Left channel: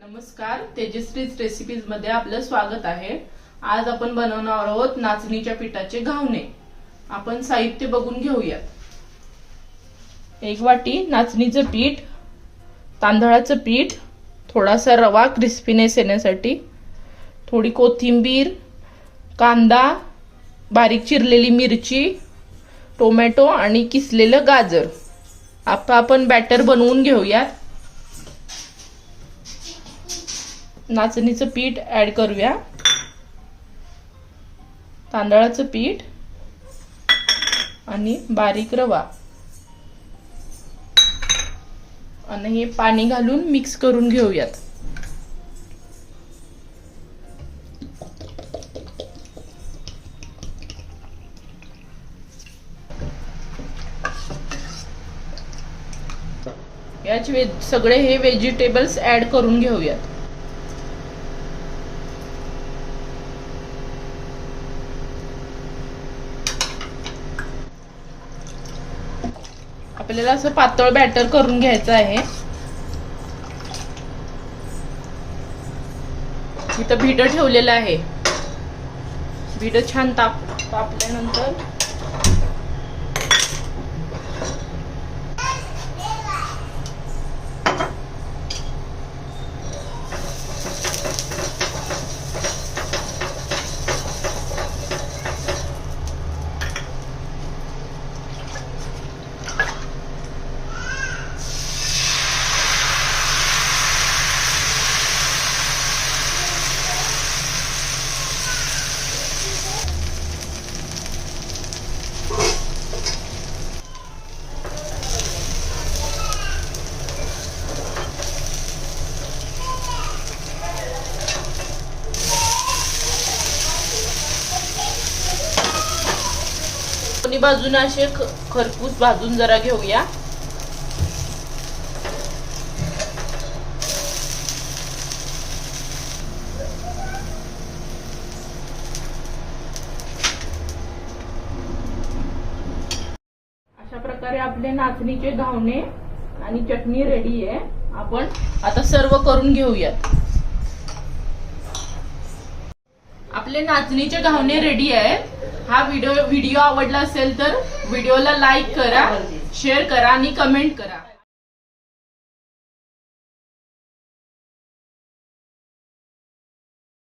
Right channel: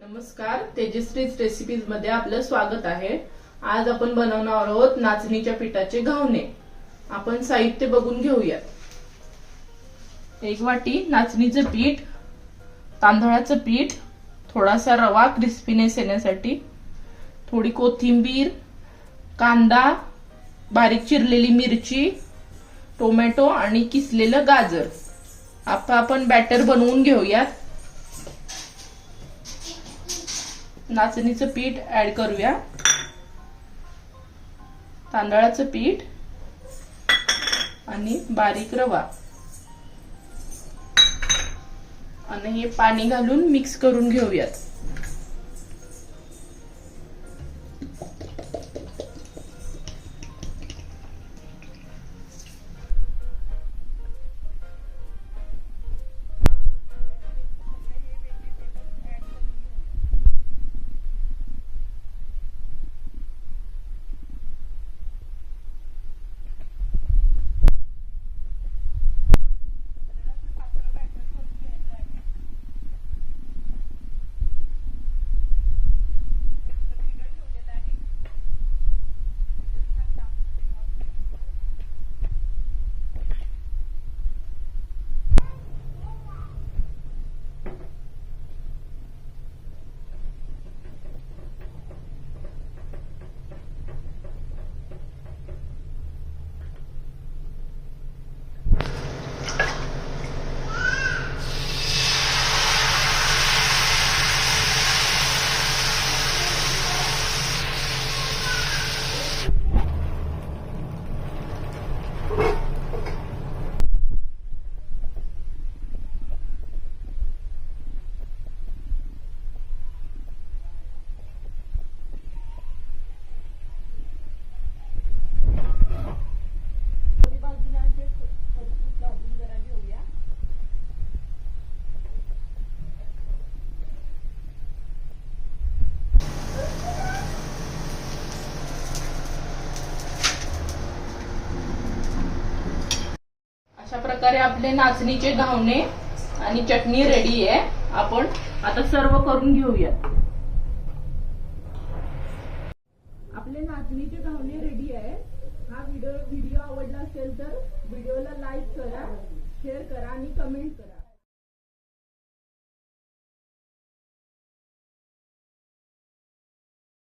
नमस्कार, तेजश्रीज रेसिपीज मध्ये आपलं स्वागत आहे। आज आपण बनवणार आहोत नाचणीच्या पिठाचे घावणे। आपण साहित्य बघून घेऊयात। 1 वाटी नाचणीचं पीठ, तांदळाचं पीठ, थोडासा रवा क्रिस्पीनेस येण्यासाठी, थोडी कोथिंबीर, कांदा, बारीक चिरलेली मिरची, टोमॅटो आणि किसलेलं गाजर। आता आपण बॅटर बनवून घेऊयात। नाचणीचं पीठ ऍड करूया, तांदळाचं पीठ आणि बारीक रवा आणि हे पाणी घालून मिक्स करून घेऊयात। याचे सगळे हे व्हेजिटेबल्स ऍड करून घेऊयात। आपल्याला असं पातळ बॅटर करून घ्यायचं आहे। इथं भिड ठेवलेलं आहे। भिड छान तापल्यानंतर दोन्ही बाजूने असे खरपूस भाजून जरा घेऊया। अशा प्रकारे आपले नाचणीचे घावणे आणि चटणी रेडी आहे। आपण आता सर्व करून घेऊयात। आपले नाचणीचे घावणे रेडी आहेत। हा व्हिडिओ आवडला असेल तर व्हिडिओला लाईक करा, शेअर करा आणि कमेंट करा।